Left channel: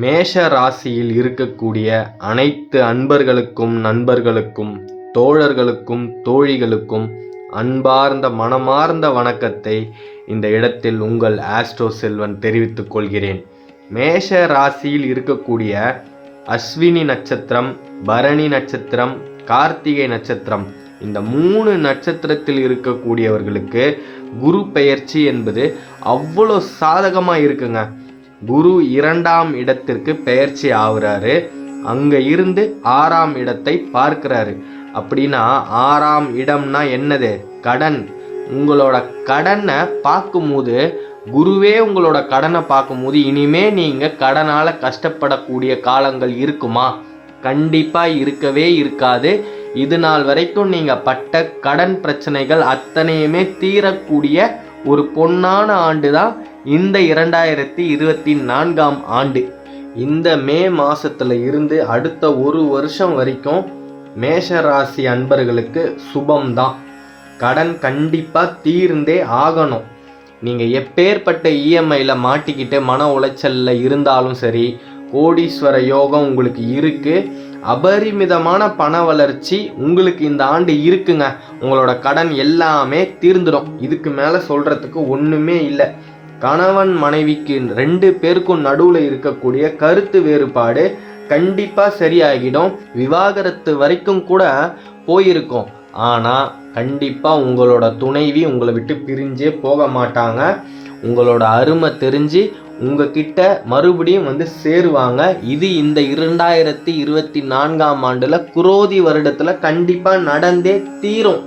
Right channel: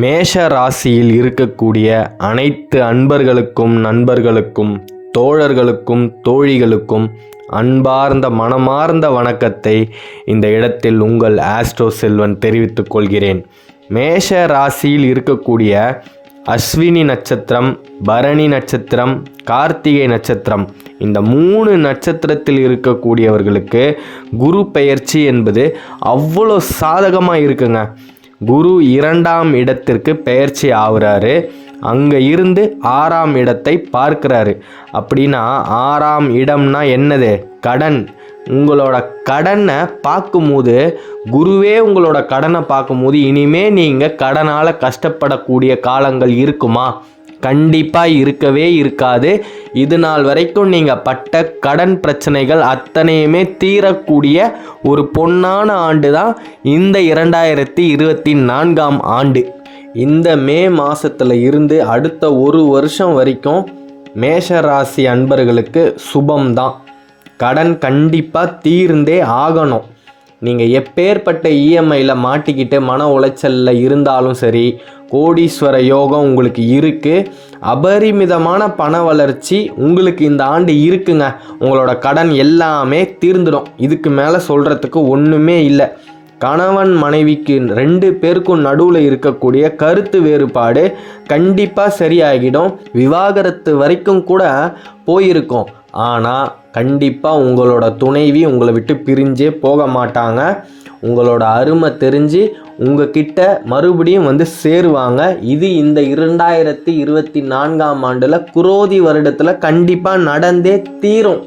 மேஷ ராசியில் இருக்கக்கூடிய அனைத்து அன்பர்களுக்கும் நண்பர்களுக்கும் தோழர்களுக்கும் தோழிகளுக்கும் அன்பார்ந்த மனமார்ந்த வணக்கத்தை இந்த இடத்தில் உங்கள் ஆஸ்ட்ரோ செல்வன் தெரிவித்துக் கொள்கிறேன். மேஷ ராசியில் இருக்கக்கூடிய அஸ்வினி நட்சத்திரம் பரணி நட்சத்திரம் கார்த்திகை நட்சத்திரம் இந்த மூணு நட்சத்திரத்தில் இருக்கக்கூடியவர்களுக்கு குரு பெயர்ச்சி என்பது அவ்வளோ சாதகமாக இருக்குங்க குரு இரண்டாம் இடத்திற்கு பெயர்ச்சி ஆகுறாரு. அங்கே இருந்து ஆறாம் இடத்தை பார்க்குறாரு. அப்படின்னா ஆறாம் இடம்னா என்னது? கடன். உங்களோட கடனை பார்க்கும்போது குருவே உங்களோட கடனை பார்க்கும்போது இனிமே நீங்கள் கடனால் கஷ்டப்படக்கூடிய காலங்கள் இருக்குமா? கண்டிப்பாக இருக்கவே இருக்காது. இது நாள் வரைக்கும் நீங்கள் பட்ட கடன் பிரச்சனைகள் அத்தனையுமே தீரக்கூடிய ஒரு பொன்னான ஆண்டு தான் இந்த இரண்டாயிரத்தி இருபத்தி நான்காம் ஆண்டு. இந்த மே மாதத்தில் இருந்து அடுத்த ஒரு வருஷம் வரைக்கும் மேஷ ராசி அன்பர்களுக்கு சுபம்தான். கடன் கண்டிப்பாக தீர்ந்தே ஆகணும். நீங்கள் எப்பேற்பட்ட இஎம்ஐயில் மாட்டிக்கிட்டு மன உளைச்சலில் இருந்தாலும் சரி கோடீஸ்வர யோகம் உங்களுக்கு இருக்குது அபரிமிதமான பண வளர்ச்சி உங்களுக்கு இந்த ஆண்டு இருக்குங்க. உங்களோட கடன் எல்லாமே தீர்ந்துடும். இதுக்கு மேலே சொல்கிறதுக்கு ஒன்றுமே இல்லை. கணவன் மனைவிக்கு ரெண்டு பேருக்கும் நடுவில் இருக்கக்கூடிய கருத்து வேறுபாடு கண்டிப்பாக சரியாகிடும். விவாகரத்து வரைக்கும் கூட போயிருக்கும். ஆனால் கண்டிப்பாக உங்களோட துணைவி உங்களை விட்டு பிரிஞ்சே போக மாட்டாங்க. உங்களோட அருமை தெரிஞ்சு உங்ககிட்ட மறுபடியும் வந்து சேருவாங்க. இது இந்த இரண்டாயிரத்தி இருபத்தி நான்காம் ஆண்டில் குரோதி வருடத்தில் கண்டிப்பாக நடந்தே தீரும்.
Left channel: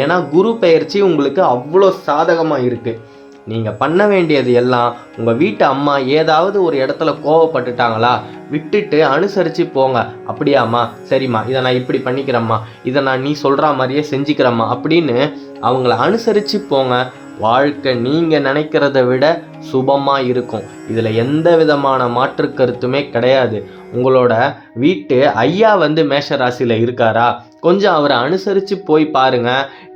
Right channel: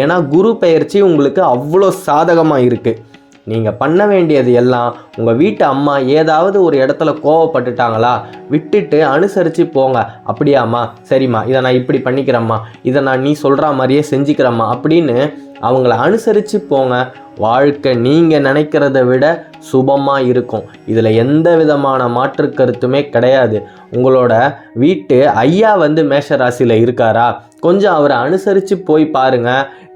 ஏன்னா குரு பெயர்ச்சி உங்களுக்கு அவ்வளோ சாதகமாக இருக்குது நீங்கள் பண்ண வேண்டியது எல்லாம் உங்கள் வீட்டு அம்மா ஏதாவது ஒரு இடத்துல கோவப்பட்டுட்டாங்களா விட்டுட்டு அனுசரித்து போங்க. அப்படியாம்மா சரிம்மா இதை நான் இப்படி பண்ணிக்கிறேம்மா இதை நான் நீ சொல்கிற மாதிரியே செஞ்சுக்கிறேம்மா அப்படின்னு அவங்கள அனுசரித்து போங்க. வாழ்க்கை நீங்கள் நினைக்கிறத விட சுபமாக இருக்கும். இதில் எந்த விதமான மாற்று கருத்துமே கிடையாது. உங்களோட வீட்டு ஐயா வந்து மேஷ ராசியில் இருக்காரா? கொஞ்சம் அவரை அனுசரித்து போய் பாருங்க.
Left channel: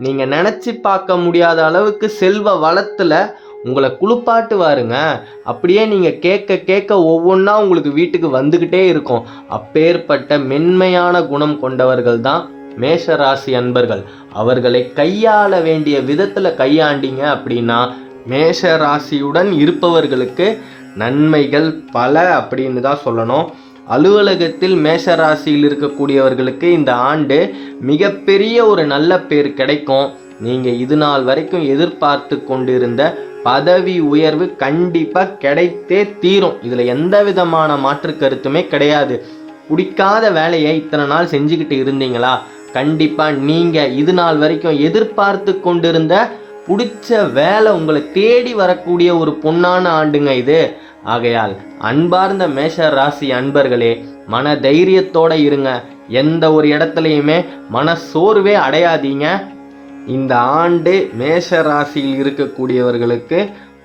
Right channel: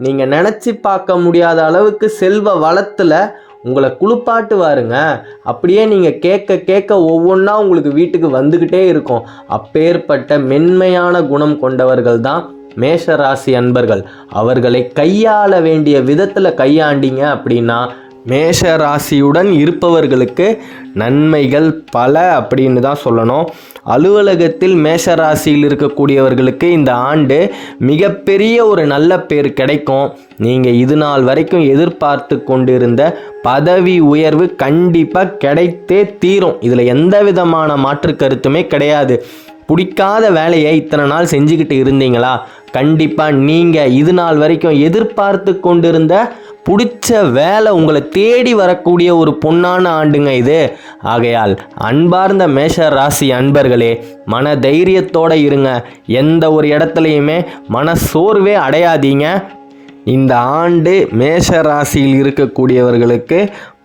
நீங்கள் நினச்சி பார்க்க முடியாத அளவுக்கு செல்வ வளத்தில் உங்களை குளிப்பாட்டுவாருங்க. அப்படியே நீங்கள் கேட்க கேட்க ஒவ்வொன்றா உங்களுக்கு வீட்டுக்கு வந்துக்கிட்டே இருக்கும். அப்பேற்பட்ட மென்மையான குணம் கொண்டவர்கள் தான் மேஷ ராசி அன்பர்கள் அவர்களை கையாள வேண்டிய விதத்தில் கையாண்டீங்க அப்படின்னா மேஷ ராசியுடன் இருப்பவர்களுக்கு நன்மைகள் பல அப்படின்னு தான் சொல்லணும். அலுவலகத்தில் மேஷ ராசியில் இருக்கக்கூடியவர்களுக்கு இந்த ஆண்டு மிகப்பெரிய ஒரு நல்ல பேர் கிடைக்கும். நீங்கள் இது நாள் வரைக்கும் எதிர்பார்த்து கொண்டிருந்த பதவி உயர்வு கண்டிப்பாக கிடைத்தே தீரும். இதில் எந்த விதமான மாற்று கருத்துமே கிடையாது. பிடிக்காத வேலையை இத்தனை நாள் செஞ்சுக்கிட்டு இருந்தீங்களா? கண்டிப்பாக நீங்கள் இது நாள் வரைக்கும் எதிர்பார்த்து கொண்டிருந்த பிடிச்ச வேலை உங்களை தேடி வரக்கூடிய ஒரு பொன்னான ஆண்டுங்க இது. ஆகையால் அன்பார்ந்த மேஷ ராசி அன்பர்களே மன தைரியத்தோடு இருங்க. எந்த ஒரு இடத்துலையுமே மன சோர்வே அடையாதீங்க. இந்த ஆண்டு மேஷ ராசியில் இருக்கக்கூடியவர்களுக்கு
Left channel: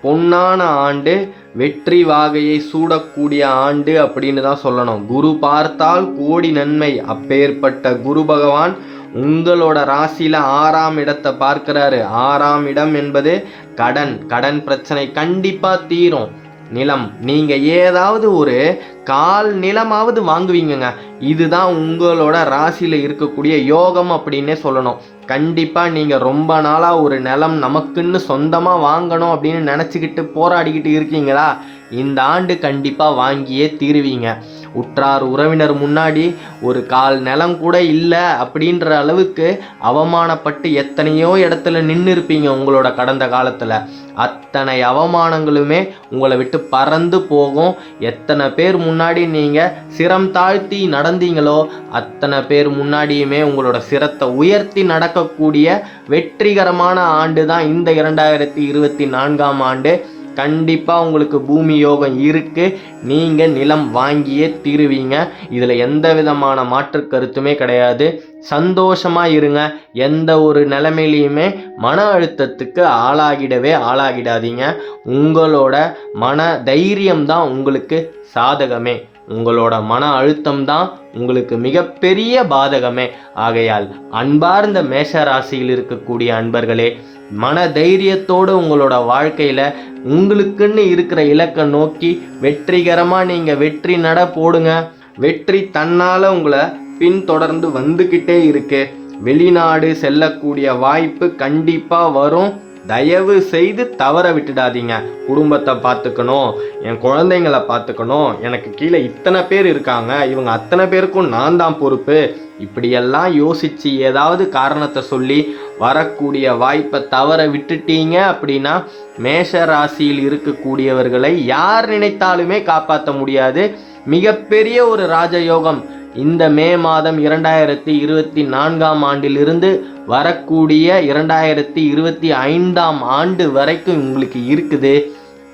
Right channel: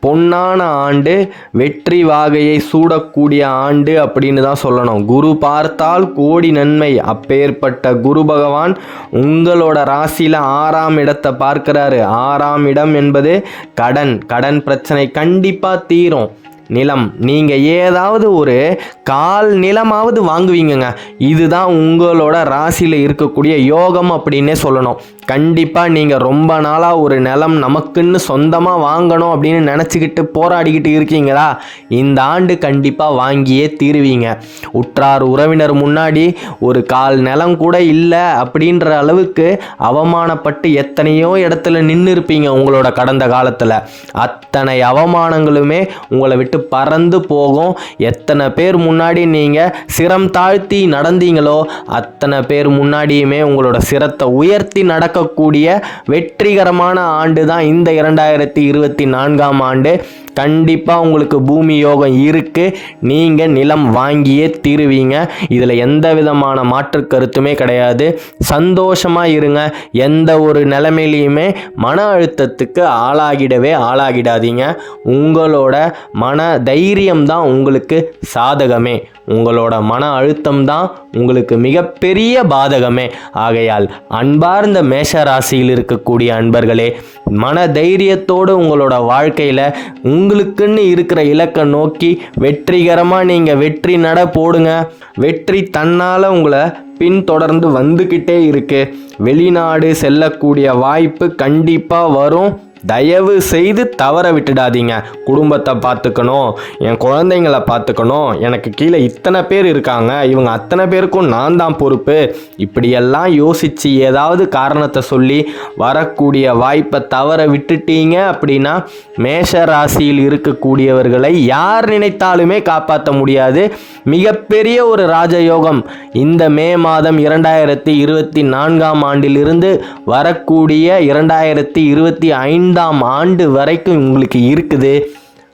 பொன்னான ஆண்டு வெற்றி வாகையை சூடக்கூடிய ஆண்டு அப்படின்னு தான் சொல்லணும். குரு பார்த்தால் கோடி நன்மை. அப்பேற்பட்ட குரு பகவான் உங்களோட ராசியில் ஆறாம் இடத்தை பார்க்கிறாரு. ஆறாம் இடம் என்பது கடன். கடன் பிரச்சனை கண்டிப்பாக தீரும். நிலம். நீங்கள் ஏதாவது ஒரு கால் நிலமாவது வாங்குவீங்கங்க. இதுதான் உங்களோட ராசியில் இருக்கக்கூடிய யோகம் அப்படின்னே சொல்லணும். கண்டிப்பாக நீங்கள் ரொம்ப நாளாக ஒரு நிலம் நமக்குன்னு சொந்தமாக வாங்கணும் அப்படின்னு நினச்சிக்கிட்டு போராடிக்கிட்டு இருக்கீங்களா? இந்த ஆண்டு கண்டிப்பாக வாங்கியே தீருவீங்க. உற்றார் உறவினர் முன்னாடி ஒரு கால் நிலம் கூட இல்லை அப்படின்ற அளவுக்கு அவமானப்பட்டு எத்தனையோ இடத்துல நின்று இருப்பீங்க உங்களோட கடந்த காலத்தில். அத்தனை அவமானங்களுமே உங்களை விட்டு பறந்து போகும். எத்தனை பேர் முன்னாடி நீங்கள் சிரம் தாழ்த்தி நடந்தீங்களோ அத்தனை பேர் முன்னாடியுமே உங்களோட சிரத்தை உயர்த்தி நடக்கக்கூடிய வெற்றிகரமான ஆண்டு தான் இந்த இரண்டாயிரத்தி இருபத்தி நான்காம் ஆண்டு. கண்டிப்பாக உங்களுக்கு பூமி யோகம் இருக்குது நீங்கள் நிலம் வாங்கியே தீருவீங்க. இதில் எந்த விதமான மாற்று கருத்துமே கிடையாது. சந்தோஷமாக இருங்க. எந்த ஒரு நிலைமையிலையுமே மன அழுத்தத்துக்கு ஆளாகிடவே ஆளாகிடாதீங்க. உங்களோட மன தைரியம் தான் உங்களுக்கு சாதகமே. உங்களோட மன அழுத்தம் தான் உங்களுக்கு மிகப்பெரிய பாதகமே. ஆகையால் அன்பார்ந்த மேஷ ராசியில் இருக்கக்கூடிய அன்பர்களே மன தைரியத்தோடு உங்களோட வாழ்க்கையில் உங்களுக்குன்னு இருக்கிற இலக்கை நோக்கி வெற்றிகரமாக நீங்கள் வெற்றி நட போடுங்க. வெற்றி தன்னால் உங்களை பின்தொடர்ந்து வந்துக்கிட்டே இருக்கு. வெளிநாடு செல்லக்கூடிய வாய்ப்பு கண்டிப்பாக வரும். தயவு செய்து தவற விட்டுடாதீங்க. குடும்பத்தை பார்த்துக்கணும் என் குழந்தைங்களை பார்த்துக்கணும். எனக்கு கீழே இத்தனை பேர் இருக்காங்க. இவங்க அத்தனை பேருக்கும் நான் தான் பொறுப்பு. இப்படியெல்லாம் யோசித்து ஏதாவது காரணத்தை சொல்லி வரக்கூடிய வாய்ப்பை தவற விட்டுட்டீங்க அப்படின்னா மேஷ ராசியில் இருக்கக்கூடியவர்களை யார் நினைத்தாலுமே காப்பாற்ற முடியாது. மிகப்பெரிய ஒரு ராஜயோகம் இந்த மே மாதம் இரண்டாயிரத்தி இருபத்தி நான்காம் ஆண்டிலிருந்து வரக்கூடிய இரண்டாயிரத்தி இருபத்தி ஐந்தாம் ஆண்டு வரைக்கும் உங்களுக்கு இருக்குது.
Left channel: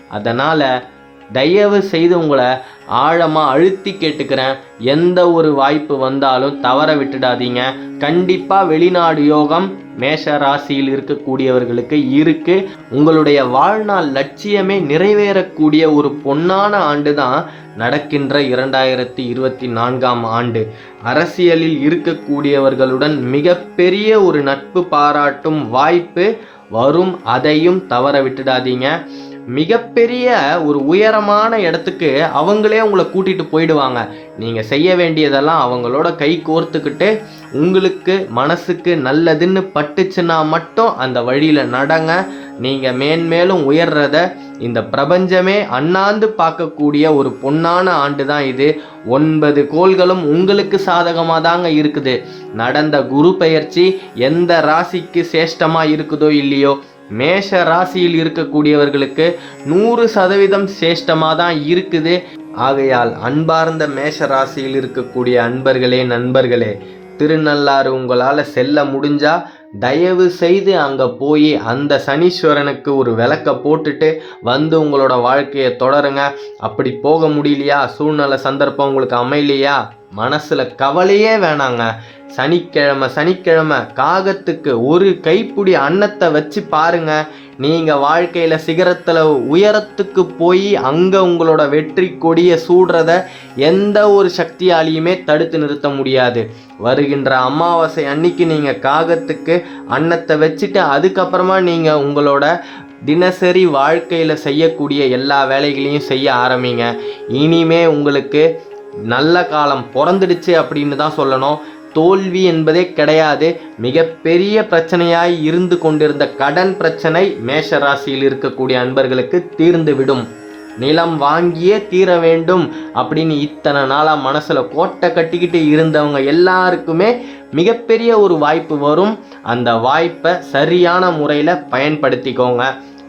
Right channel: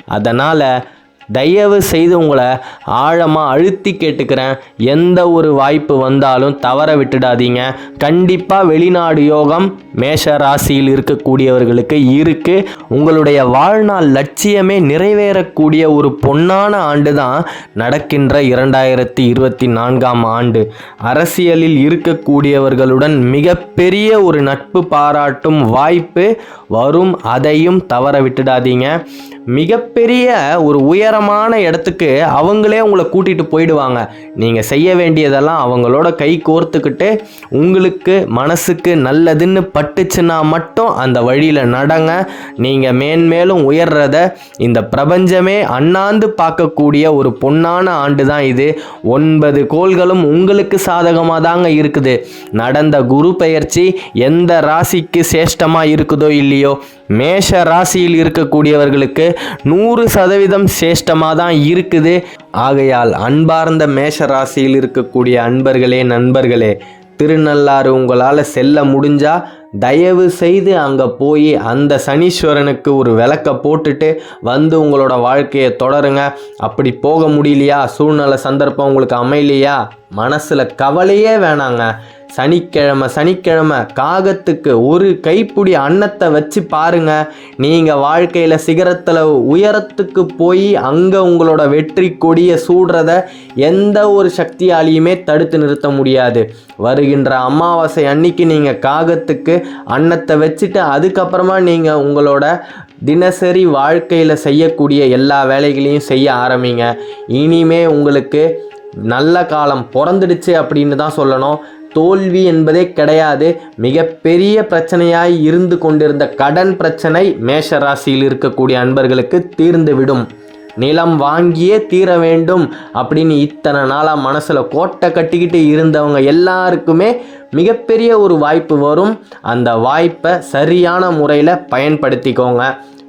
அதனால் தயவு செய்து உங்களை ஆழமாக அழுத்தி கேட்டுக்கிறேன். எந்த ஒரு வாய்ப்பு வந்தாலும் தவற விட்டுடாதீங்க. கண்டிப்பாக வெளிநாடு யோகம் மேஷ ராசியில் இருக்கக்கூடியவர்களுக்கு இருக்குது உங்களுடைய வாழ்நாள் லட்சியமே நிறைவேறக்கூடிய ஒரு பொன்னான ஆண்டு தான் நடக்கின்ற இரண்டாயிரத்தி இருபத்தி நான்காம் ஆண்டு. அரசியலில் இருக்கக்கூடியவர்களுடன் மிகப்பெரிய ஒரு நட்பு பாராட்டும் வாய்ப்பு வரும். அதையும் தவற விட்டுடாதீங்க. மிகப்பெரிய ஒரு உயரமான இடத்துக்கு அவங்களே உங்களை கூட்டிகிட்டு போயிடுவாங்க. நீங்கள் செய்ய வேண்டியதெல்லாம் அவங்களோட கை கோர்த்துக்கிட்டு உங்களுக்கு மனசுக்கு நல்லதுன்னு பட்டுச்சுன்னா மட்டும் அந்த வழியில் நடங்க. நீங்கள் மேன்மேலும் உயர்றத இந்த பிரபஞ்சமே அண்ணாந்து பார்க்கக்கூடிய ஒரு பொன்னான ஆண்டு தான் இது. ஒன்பது கோள்களும் உங்களுக்கு சாதகமாக தாங்க இருக்குது. நடந்த குரு பெயர்ச்சி எந்த ராசிக்கு சேஷ்டமாக இருக்குதோ இல்லையோ மேஷ ராசியில் இருக்கக்கூடியவர்களுக்கு நூறு சதவீதம் சேஷ்டமாக தான் இருக்குது. ஆகையால் அன்பார்ந்த மேஷ ராசியில் இருக்கக்கூடிய அன்பர்களே நண்பர்களே திருநள்ளாறு உங்களால் செல்ல முடிஞ்சால் தயவு செய்து அங்கே போய் அந்த சனீஸ்வரனுக்கு ஒரு விளக்க போட்டுட்டு வந்து உங்களோட வாழ்க்கையை தொடருங்க. அப்படி போக முடியலையா? சூழ்நிலை சந்தர்ப்பம் உங்களுக்கு அமையலையா? மனசில் கவலையே வேணாங்க. சனிக்கிழமை சனிக்கிழமை காகத்துக்கு ஒரு கைப்பிடி அன்னத்தை வச்சு பாருங்க. நீங்கள் வாழ்க்கையில் சிகரத்தில் உயரத்துக்கு போய் அங்கே உங்களோட வெற்றி கொடியை சூடுறத எந்த ஒரு சக்தியாலையுமே தடுத்து நிறுத்த முடியாது. வருகின்ற அமாவாசை அன்னைக்கு நீங்கள் காகத்துக்கு அன்னத்தை வச்சுட்டு அதுக்கப்புறமா நீங்கள் உங்களோட தினசரி வாழ்க்கையில் செய்யக்கூடிய எல்லா வேலைகளையும் செய்ய ஆரம்பிங்க. இனிமே உங்களுக்கு நல்ல காலம் பிறந்துடுச்சு அப்படின்னு தான் சொல்லணும். தோல்வி என்பதே கிடையாது. மிகப்பெரிய பிரச்சனையாய் இருந்து கொண்டிருந்த கடன் பிரச்சனை மேஷ ராசியில் இருக்கக்கூடிய அன்பர்களுக்கு தீர்ந்துவிடும். நிலம் வாங்கியே தீர வேண்டும் அப்படின்னு இத்தனை நாளாக மனசில் கோட்டை கட்டிக்கிட்டு இருந்தவங்க எல்லாருக்குமே மிகப்பெரிய ஒரு வாய்ப்பு வரும். அந்த வாய்ப்பை சரியான முறையில் பயன்படுத்திக்கோங்க.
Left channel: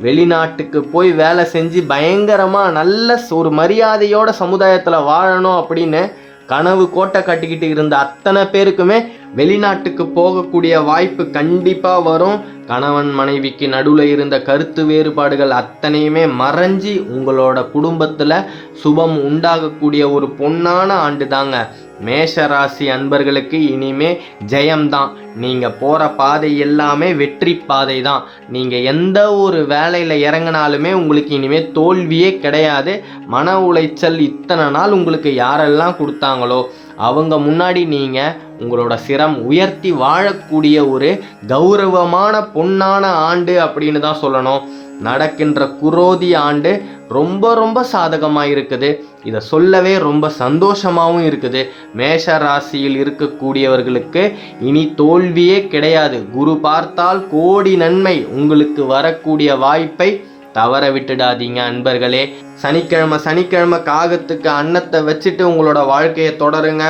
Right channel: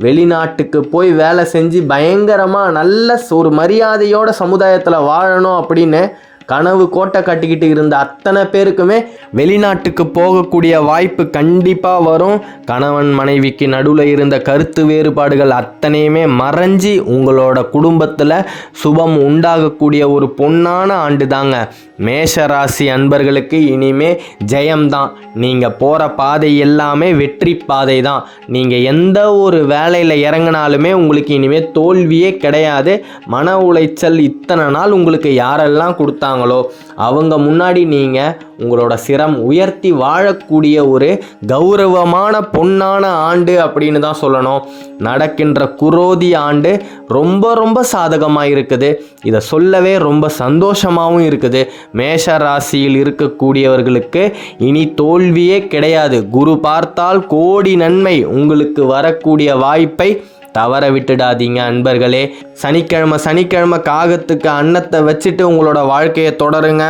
வெளிநாட்டுக்கு போய் வேலை செஞ்சு பயங்கரமாக நல்ல ஒரு மரியாதையோட சமுதாயத்தில் வாழணும் அப்படின்னு கனவு கோட்டை கட்டிக்கிட்டு இருந்த அத்தனை பேருக்குமே வெளிநாட்டுக்கு போகக்கூடிய வாய்ப்பு கண்டிப்பாக வரும். கணவன் மனைவிக்கு நடுவில் இருந்த கருத்து வேறுபாடுகள் அத்தனையுமே மறைஞ்சி உங்களோட குடும்பத்தில் சுபம் உண்டாகக்கூடிய ஒரு பொன்னான ஆண்டு தாங்க மேஷராசி அன்பர்களுக்கு இனிமே ஜெயம்தான். நீங்கள் போகிற பாதை எல்லாமே வெற்றி பாதை தான் நீங்கள் எந்த ஒரு வேலையில் இறங்கினாலுமே உங்களுக்கு இனிமேல் தோல்வியே கிடையாது. மன உளைச்சல் இத்தனை நாள் உங்களுக்கு யாரெல்லாம் கொடுத்தாங்களோ அவங்க முன்னாடி நீங்கள் உங்களோட சிரம் உயர்த்தி வாழக்கூடிய ஒரு கௌரவமான பொன்னான ஆண்டு அப்படின்னு தான் சொல்லணும். நடக்கின்ற குரோதி ஆண்டு ரொம்ப ரொம்ப சாதகமாக இருக்குது. இதை சொல்லவே ரொம்ப சந்தோஷமாகவும் இருக்குது. மேஷ ராசியில் இருக்கக்கூடியவர்களுக்கு இனி தோல்வியே கிடையாது. குரு பார்த்தால் கோடி நன்மை உங்களுக்கு வரக்கூடிய வாய்ப்பை தவற விட்டுடாதீங்க அன்பர்களே. சனிக்கிழமை சனிக்கிழமை காகத்துக்கு அன்னத்தை வச்சுட்டு உங்களோட வாழ்க்கையை தொடருங்க.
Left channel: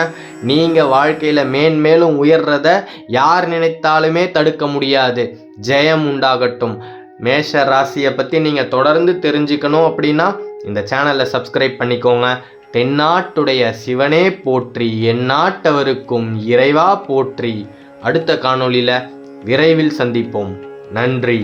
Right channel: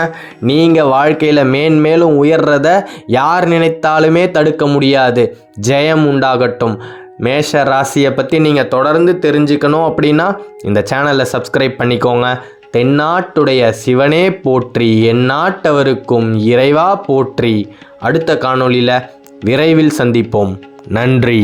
நீங்கள் வாழ்க்கையில் மேன்மேலும் உயர்றத யார் நினைத்தாலுமே தடுக்க முடியாது. ஜெயம் உண்டாகட்டும். மேஷ ராசியை பற்றி நீங்கள் தொடர்ந்து தெரிஞ்சுக்கணும் அப்படின்னா இந்த சேனலை சப்ஸ்கிரைப் பண்ணிக்கோங்க. தென்னாட்டுடைய சிவனே போற்றி எந்நாட்டவருக்கும் இறைவா போற்றி. அடுத்த காணொளியில் விரைவில் சந்திப்போம். நன்றி.